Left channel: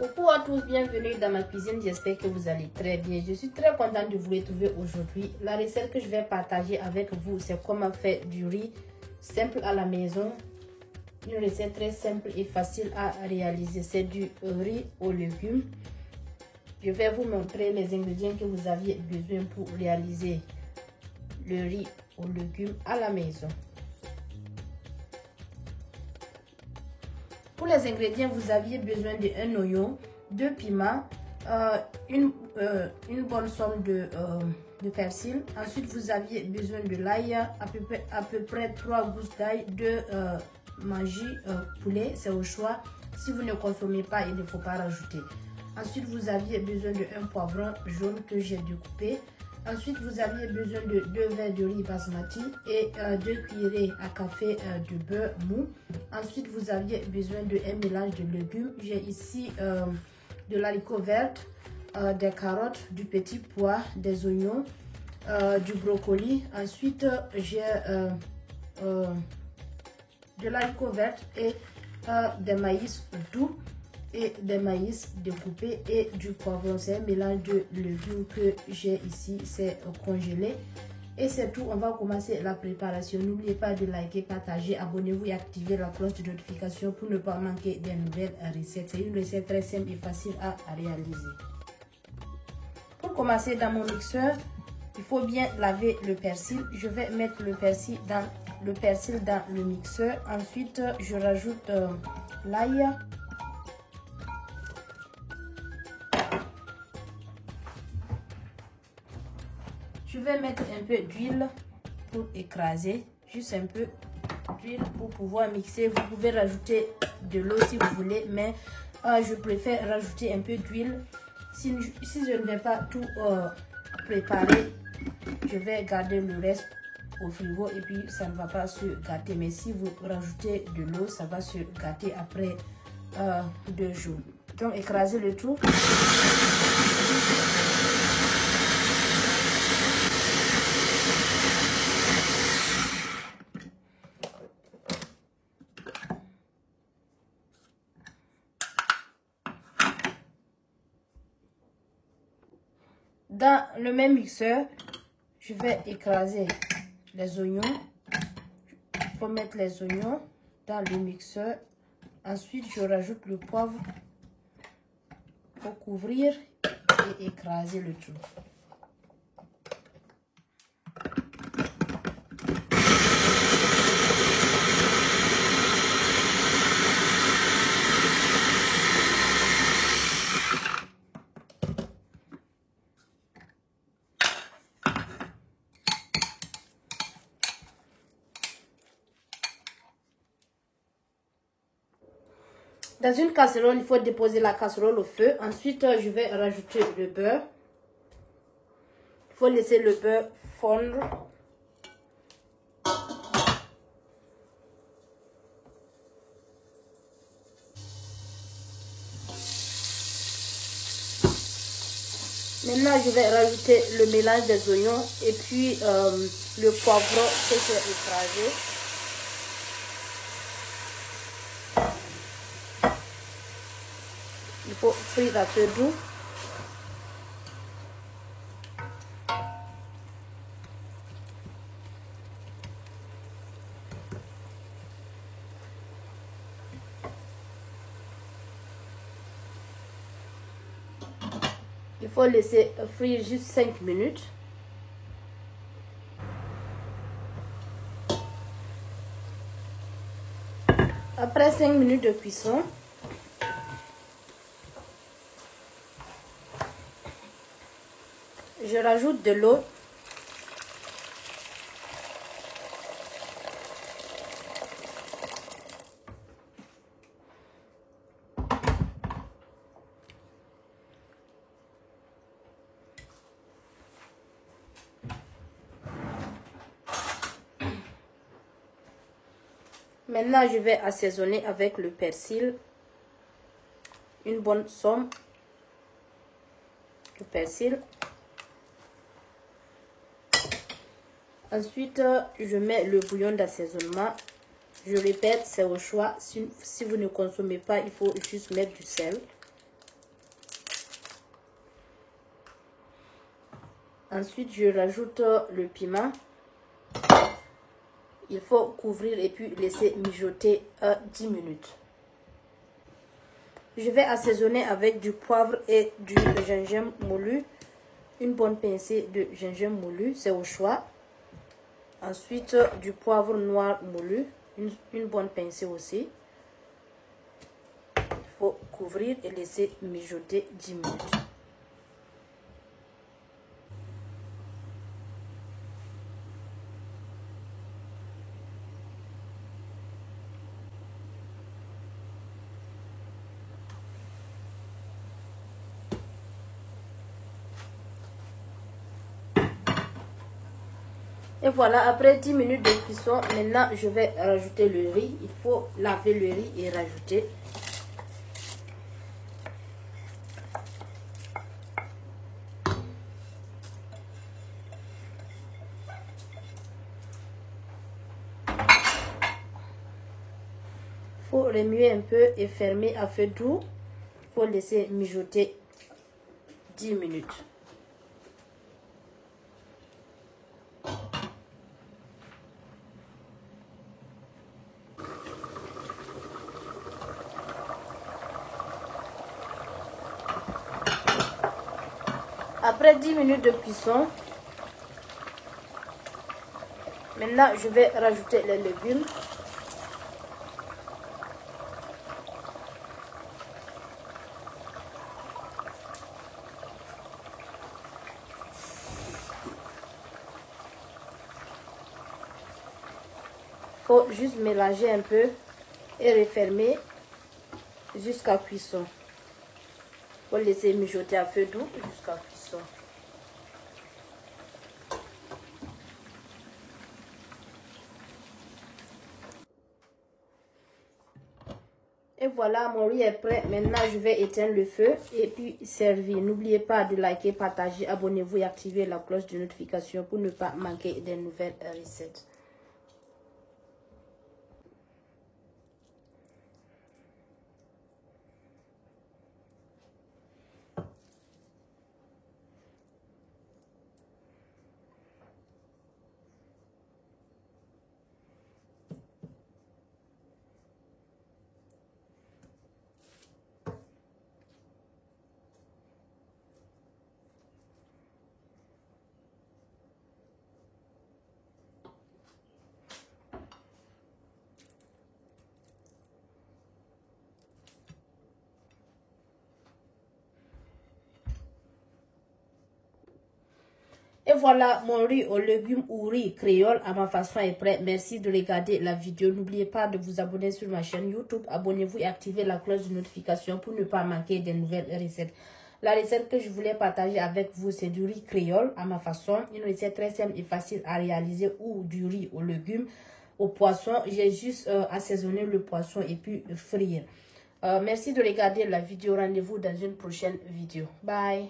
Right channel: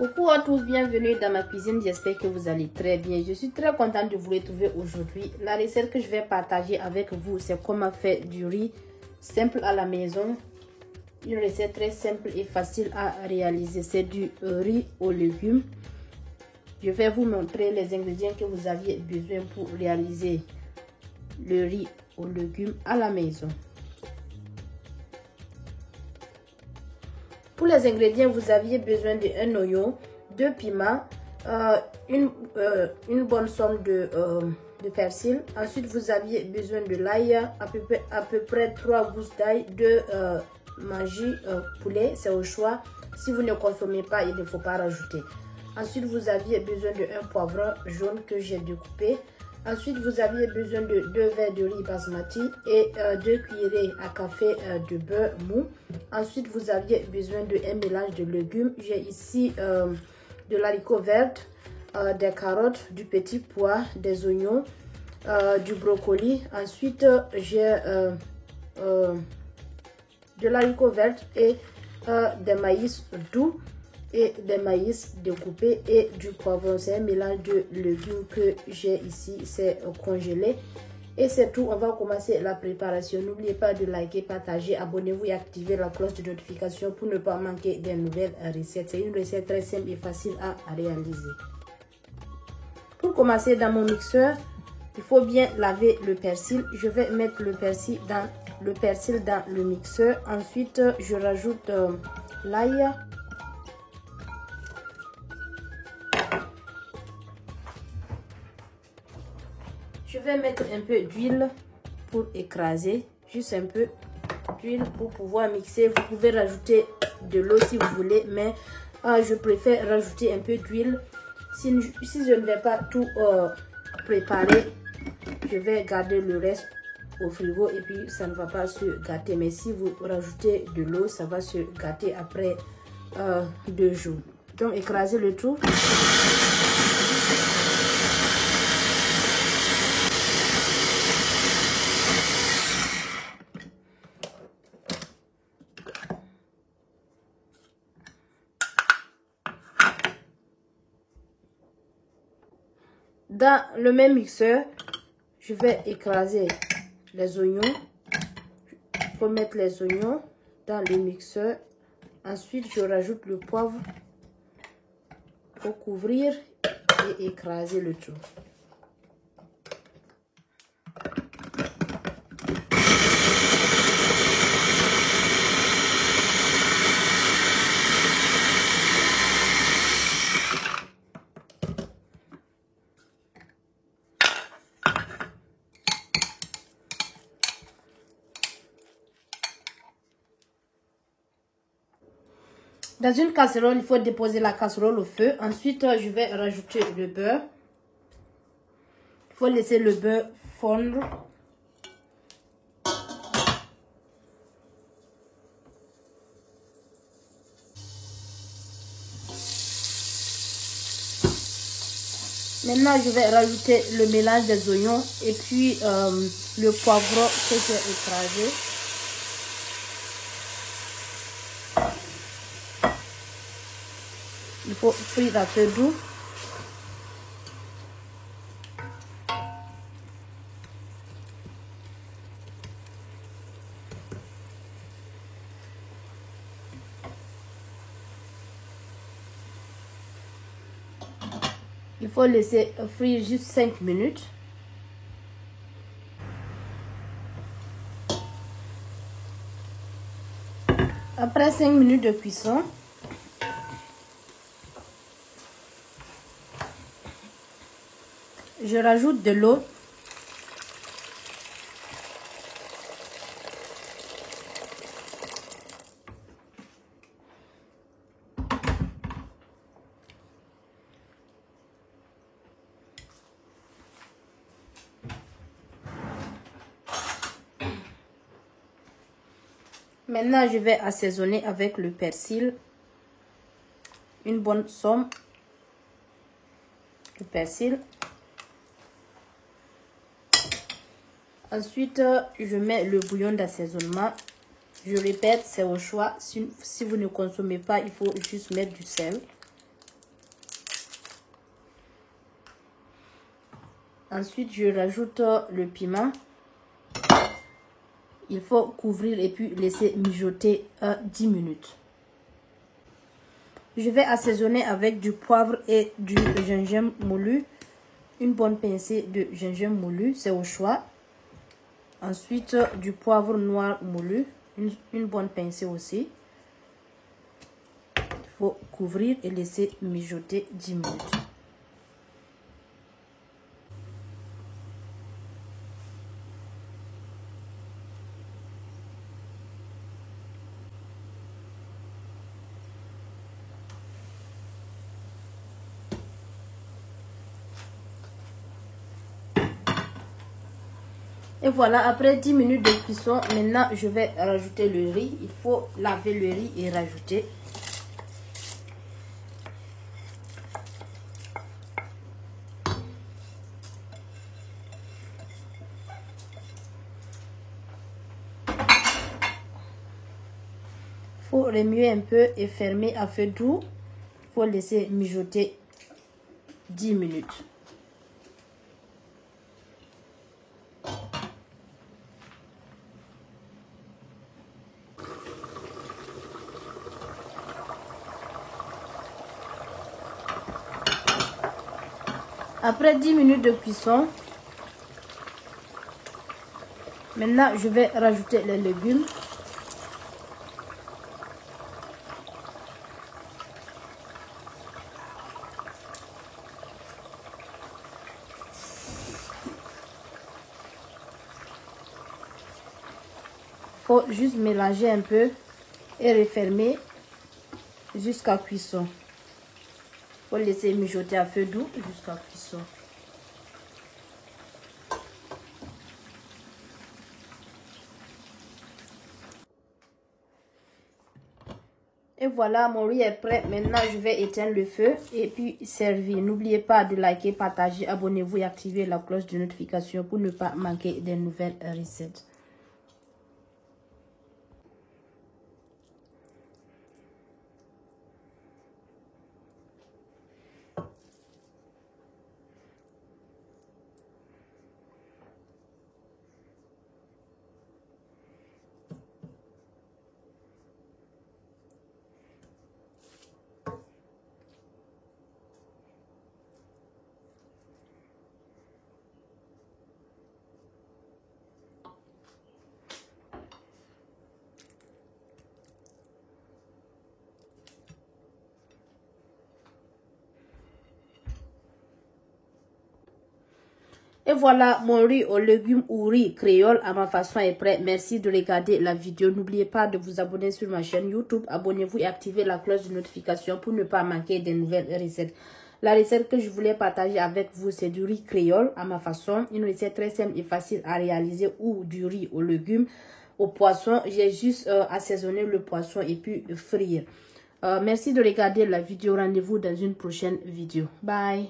Coucou à tous, bienvenue dans ma cuisine, j'espère que vous allez très bien. Je suis très contente de vous retrouver aujourd'hui. La recette que je vais partager avec vous, c'est comment faire du riz simple à la maison. Une recette très simple et facile à réaliser, c'est du riz aux légumes. Je vais vous montrer les ingrédients que vous aviez besoin pour réaliser le riz aux légumes à la maison. Pour les ingrédients, vous aviez besoin d'un oignon, 2 piments, une bonne somme de persil. Ensuite, vous aviez besoin de l'ail, à peu près 3 gousses d'ail, de magie poulet, c'est au choix. Si vous ne consommez pas, il ne faut pas rajouter. Ensuite, vous aviez besoin d'un poivron jaune que j'ai découpé. Ensuite, vous aviez besoin de 2 verres de riz basmati et 2 cuillerées à café de beurre mou. Ensuite, vous aviez besoin d'un mélange de légumes. J'ai ici de l'haricot vert, des carottes, du petit pois, des oignons, du brocoli. Ensuite, j'ai de l'haricot vert et des maïs doux et des maïs découpés et du poivron. C'est un mélange de légumes que j'ai ici, c'est congelé. Et c'est tout, on va commencer la préparation. N'oubliez pas de liker, partager, abonnez-vous et activer la cloche de notification pour ne pas manquer des nouvelles recettes. C'est une recette très simple et facile à réaliser. Pour commencer, dans mon mixeur, il faut bien laver le persil. Je vais mettre le persil dans le mixeur. Ensuite, je rajoute l'ail. Je vais mettre un peu d'huile pour écraser, juste un peu d'huile pour pouvoir mixer. Vous pouvez rajouter de l'eau si vous voulez, mais je préfère rajouter un peu d'huile. Si je ne vais pas tout préparer, je vais garder le reste au frigo et puis ça ne va pas se gâter. Mais si vous rajoutez de l'eau, ça va se gâter après 2 jours. Donc écrasez le tout. Dans le même mixeur, je vais écraser les oignons. Il faut mettre les oignons dans le mixeur. Ensuite, je rajoute le poivre pour couvrir et écraser le tout. Dans une casserole, il faut déposer la casserole au feu. Ensuite, je vais rajouter le beurre. Il faut laisser le beurre fondre. Maintenant, je vais rajouter le mélange des oignons et puis le poivron que j'ai écrasé. Il faut frire à feu doux. Il faut laisser frire juste 5 minutes. Après 5 minutes de cuisson, je rajoute de l'eau. Maintenant, je vais assaisonner avec le persil. Une bonne somme de persil. Ensuite, je mets le bouillon d'assaisonnement. Je répète, c'est au choix. Si vous ne consommez pas, il faut juste mettre du sel. Ensuite, je rajoute le piment. Il faut couvrir et puis laisser mijoter 10 minutes. Je vais assaisonner avec du poivre et du gingembre moulu. Une bonne pincée de gingembre moulu, c'est au choix. Ensuite, du poivre noir moulu, une bonne pincée aussi. Il faut couvrir et laisser mijoter 10 minutes. Et voilà, après 10 minutes de cuisson, maintenant je vais rajouter le riz. Il faut laver le riz et rajouter. Il faut remuer un peu et fermer à feu doux. Il faut laisser mijoter 10 minutes. Après 10 minutes de cuisson, maintenant je vais rajouter les légumes. Il faut juste mélanger un peu et refermer jusqu'à cuisson. Il faut laisser mijoter à feu doux jusqu'à cuisson. Et voilà, mon riz est prêt. Maintenant, je vais éteindre le feu et puis servir. N'oubliez pas de liker, partager, abonnez-vous et activer la cloche de notification pour ne pas manquer des nouvelles recettes. Et voilà, mon riz aux légumes ou riz créole à ma façon est prêt. Merci de regarder la vidéo. N'oubliez pas de vous abonner sur ma chaîne YouTube. Abonnez-vous et activez la cloche de notification pour ne pas manquer des nouvelles recettes. La recette que je voulais partager avec vous, c'est du riz créole à ma façon. Une recette très simple et facile à réaliser, ou du riz aux légumes, au poisson. J'ai juste assaisonné le poisson et puis frire. Merci de regarder la vidéo. Rendez-vous dans une prochaine vidéo. Bye.